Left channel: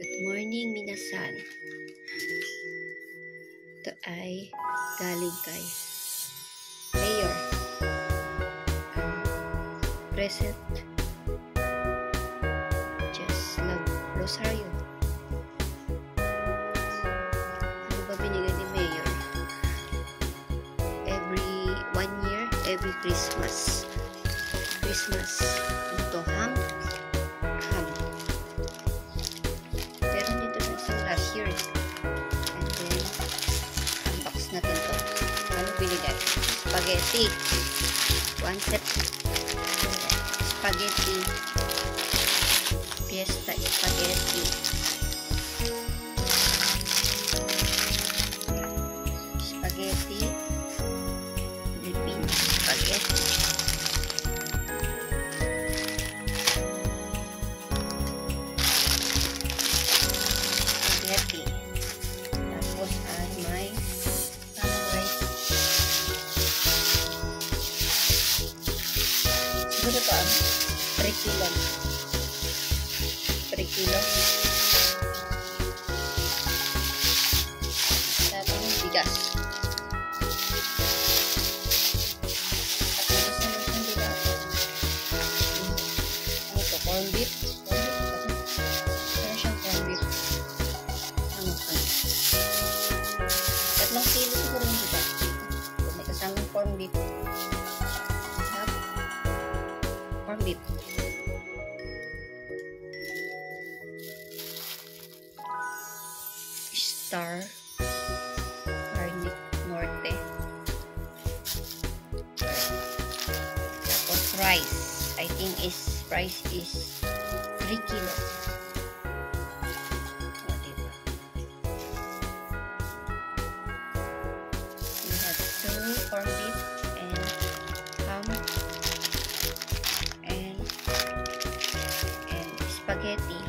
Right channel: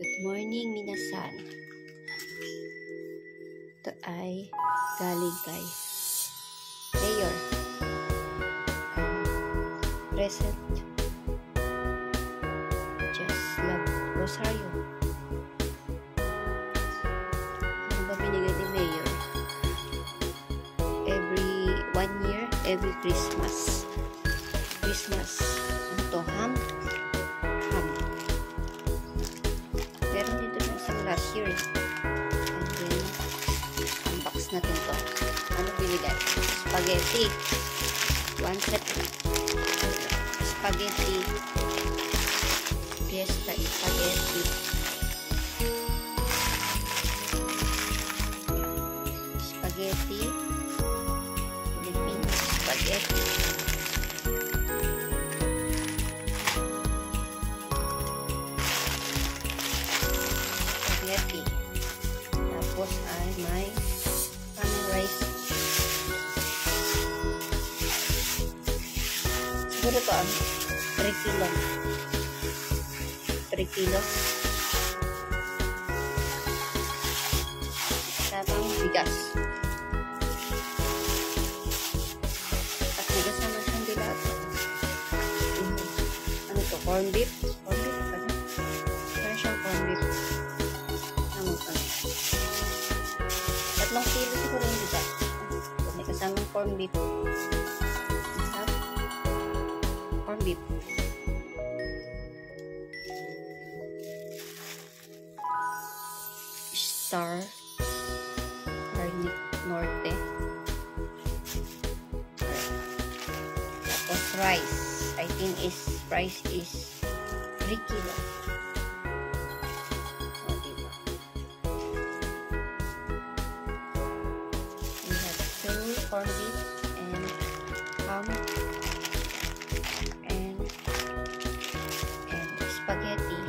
Good morning, minasan. Ito ay galing kay Mayor. Present. Just love Rosario. Ano ba binigay ni Mayor? Every 1 year, every Christmas. Ano to? Ham. Meron dito ng isang last year. And then, unbox natin to. Ano binigay? Spaghetti. One set. Spaghetti. Fiesta spaghetti. Yan. Spaghetti. Filipino spaghetti. Spaghetti. Tapos ay may tamang rice. Siguro to 3 kilo. 3 kilo. Tamang bigas. At bigas naman kandila ito. Ano to? Corn beef? Corn beef? Ano siyang corn beef? Ano? 3 kilo siguro yung bigas. Kung may kasamang corn beef. We have corn beef. Star Garnic Norte. Tapos rice. I think rice is 3 kilo. O, diba? We have 2 corn beef and ham and spaghetti.